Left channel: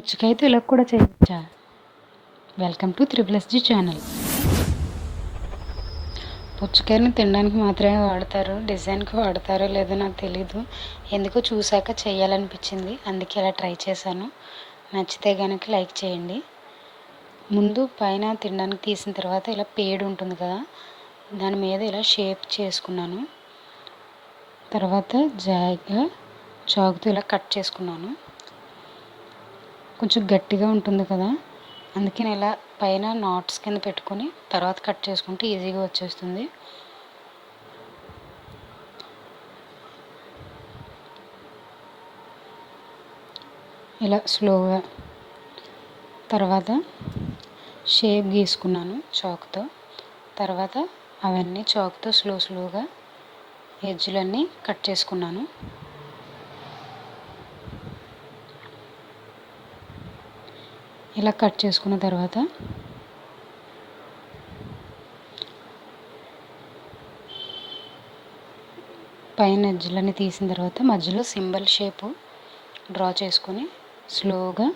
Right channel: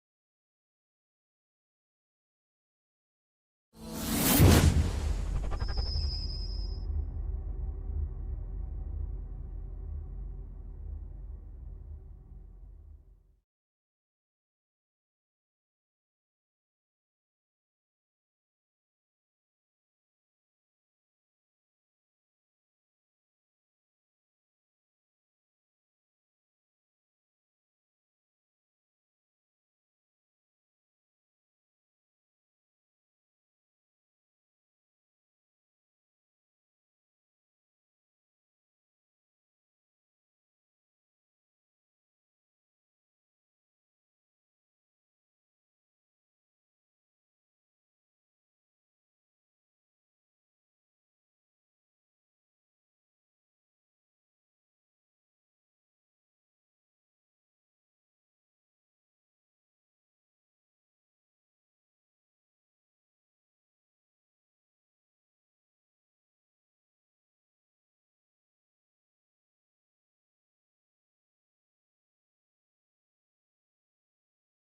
పుచ్చకాయతో ఇలా కూడా చేయొచ్చా welcome to triple SG channel పుచ్చకాయని తినడానికి మాత్రమే వాడతారు డిజైన్కి వాడతారో లేదో నాకు తెలీదు. ఎందుకో చూశాక చేయాలనిపించింది అందుకే ఇలా ట్రై చేశాను. నచ్చితే కనుక లైక్ చేయండి. ముందు పైన తినడానికి తీసిన తర్వాత ఇలా పేడు ఉంటుంది కదా దాని మీద ఇలా షేప్ చేసుకున్నాను. తర్వాత జాయిగా చాకుతో ఇలా కట్ చేసుకున్నాను. కొంచెం గట్టిగా ఉంటుంది కదా. అందుకే నేను ఇలా పైన నాట్స్ కింద పెట్టుకొని తర్వాత కట్ చేసుకుంటే ఈజీగా వచ్చేస్తుంది. ఇలా స్లోగా తర్వాత షేప్ గీసుకున్నాను చాక్తో. తర్వాత అవన్నీ చాక్తో స్లో స్లోగా ఎడ్జ్లన్నీ కట్ చేసుకున్నాను. ఇలా కట్ చేసుకున్న తర్వాత పైన ఎడ్జ్లన్నీ తీసిన తర్వాత మధ్యలో సింబల్ షేపు డ్రా చేసుకొని స్లోగా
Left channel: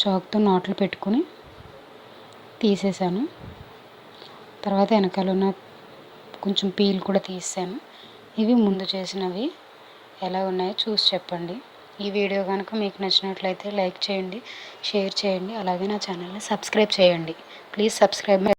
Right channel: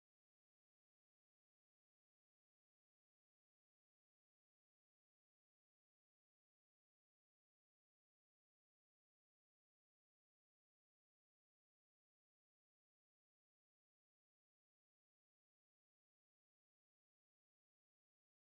చాక్తో నాట్లు పెట్టుకొని తీసేసాను. తర్వాత వెనకాల ఉన్న కొంచెం పీల్ కూడా తీసాను ఇవి ముందు చేసినవి ఎలా ఉన్నాయో చూసి చెప్పండి. ఈ వీడియో కనుక మీకు నచ్చినట్లయితే లైక్ చేయండి షేర్ చేయండి అలాగే నా ఛానల్ని సబ్స్క్రైబ్ చేయండి. Please subscribe